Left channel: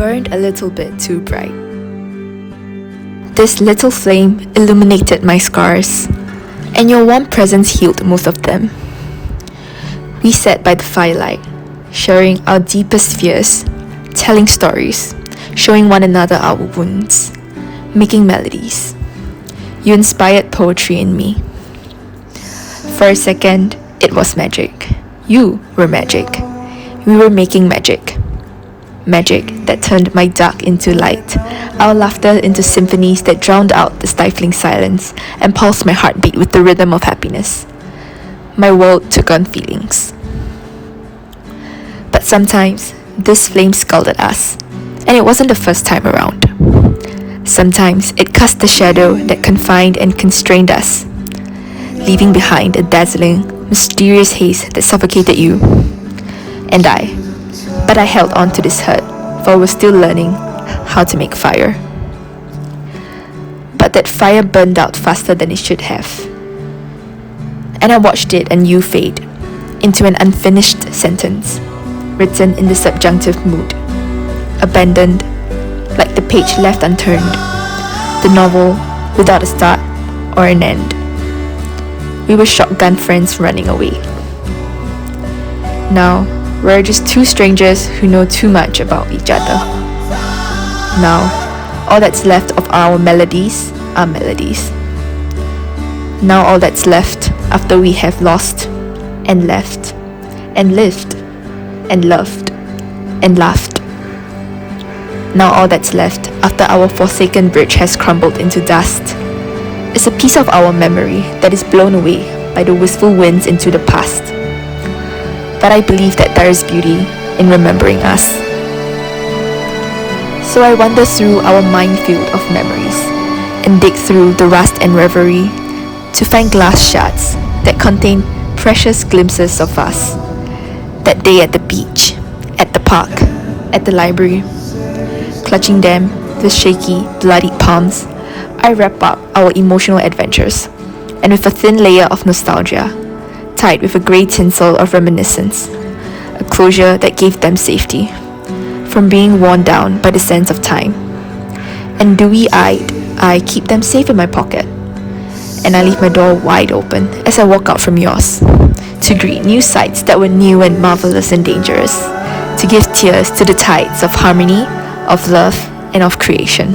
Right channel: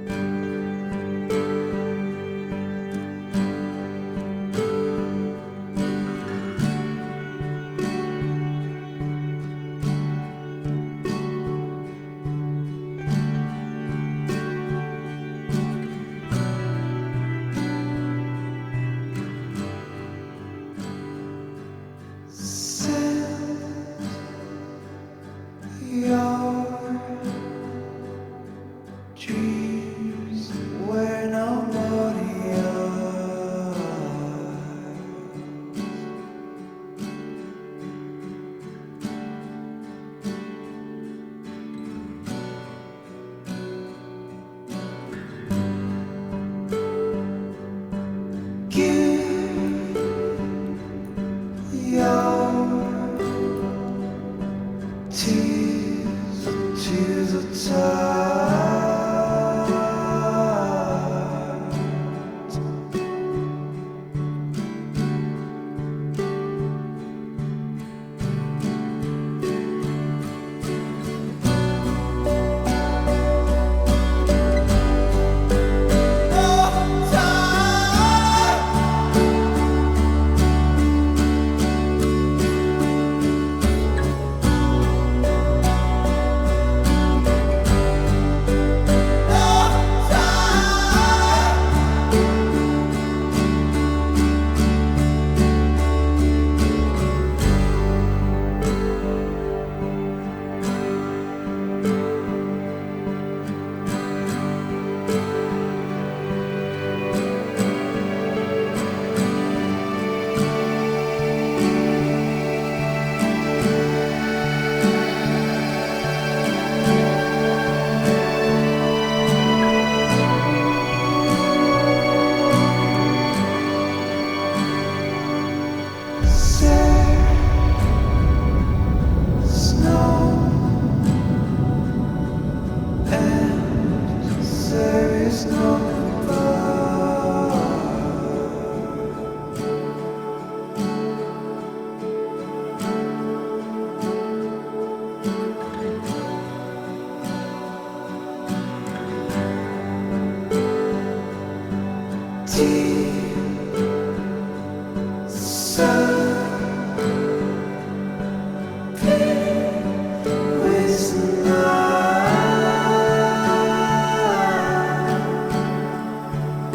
burned a little bit too bright. This little flame illuminated my scars, and your warm presence healed most of them. We sat by the firelight, sharing our deepest fears, telling stories, showing one another our wounds, making melodies. You inspired poetry in me. For a second, it was magic. You were magic. We were making magic. Magic that turned my dark into light, our laughter into symphonies that drowned out the stifling silence and pulsed my heartbeat with the rhythm of happiness. My world took on feelings. But sometimes, this flame scalded us, and it wasn't the first time around. Sometimes it cast a shadow that confined and constrained us, leaving behind a dazzling, mysterious haze that suffocated you and I. But I held on to this hurt, for I was still learning how to make fire. But that fire burned out faster than it should have. And I watched it and you fade into an unfinished sentence, written in the subjunctive mood, abandoned, like the page left unturned, the novel without a start or an end. We were shotgun friends running away. Now, we're just two strangers who know too much about each other. Now, all that's left of our melodies are melodies. Now all that's left after we have lost and left and lived and loved and laughed. Now all that's left after our forsaken bridge has crumbled into dust is a piece of our memory that is blown away by the wistful winds into the past. But I believe that there is beauty in remembering us. So I wander through our minefield of memories and dig through the rust and reverie to find glass shards that contain precious glimpses of us. That day at the beach, at the park, at the library. Clutching them with shaky, bloodied palms, I wrap up our emotional adventures, and with a thin layer of nostalgia, tied with a grey tinsel of reminiscence, a closure that gave them safety, from being worn down by the sense of time. And dewy-eyed, I keep them safe in my pocket, and I leave my door wide open as I walk out from yours, to greet new sights that were new and marvelous and dangerous, to give tears to the tides of harmony, of love, and of creation.